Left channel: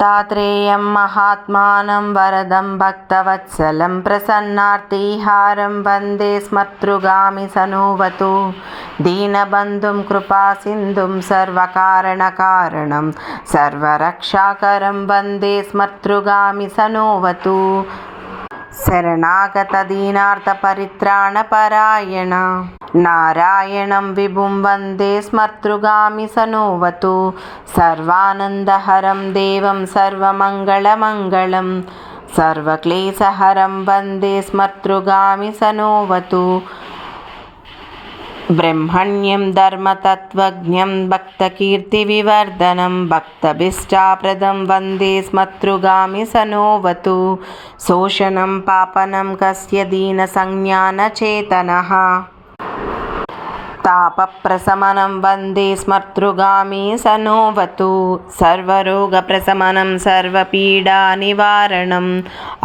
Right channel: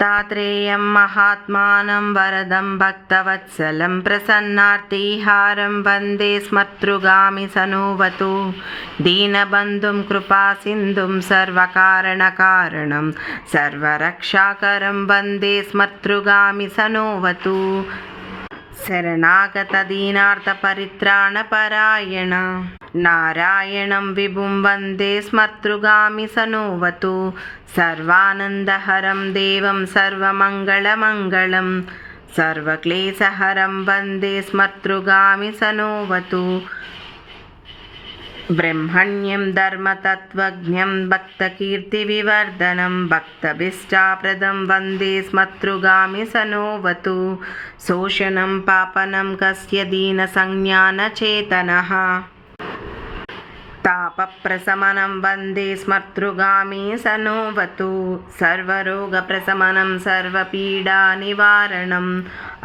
దత్తాత్రేయం మహాత్మానం వరదం భక్తవత్సలం ప్రసన్నార్తిహారం వందే స్మర్తృగామి సనోవతు దీనబంధుం కృపాసింధుం సర్వకారణకారణం సర్వరక్షాకరం వందే స్మర్తృగామి సనోవతు శరణాగత దీనార్త పరిత్రాణపరాయణ నారాయణం విభుం వందే స్మర్తృగామి సనోవతు సర్వానందహరం దేవం సర్వమంగళమంగళం సర్వక్లేశహరం వందే స్మర్తృగామి సనోవతు బ్రహ్మణ్యం ధర్మతత్వజ్ఞం భక్తకీర్తివివర్ధనం భక్తభీష్టాప్రదం వందే స్మర్తృగామి సనోవతు శోషణం పాపనం కస్య దీనసంజ్ఞానచేతనః తాపప్రశమనం వందే స్మర్తృగామి సనోవతు సర్వరోగప్రశమనం సర్వపీడానివారణం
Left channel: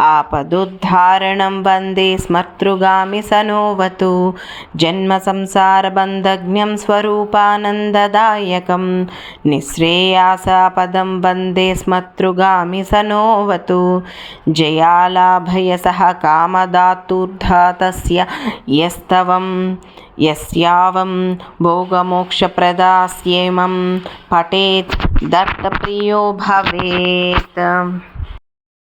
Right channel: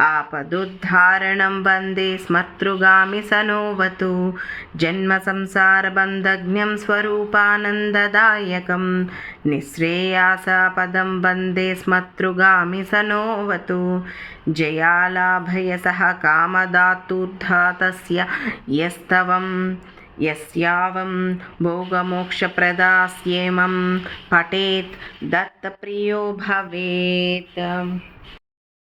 ఆపదుద్ధారణం వందే స్మర్తృగామి సనోవతు జన్మసంసారబంధజ్ఞం స్వరూపానందదాయకం నిశ్రేయాసపదం వందే స్మర్తృగామి సనోవతు జయాలాభయసః కామదాతుర్ధాతస్య యస్తవం యస్యావం భోగమోక్షప్రదాస్యేమం పఠేత్ దత్తప్రియో భవేత్.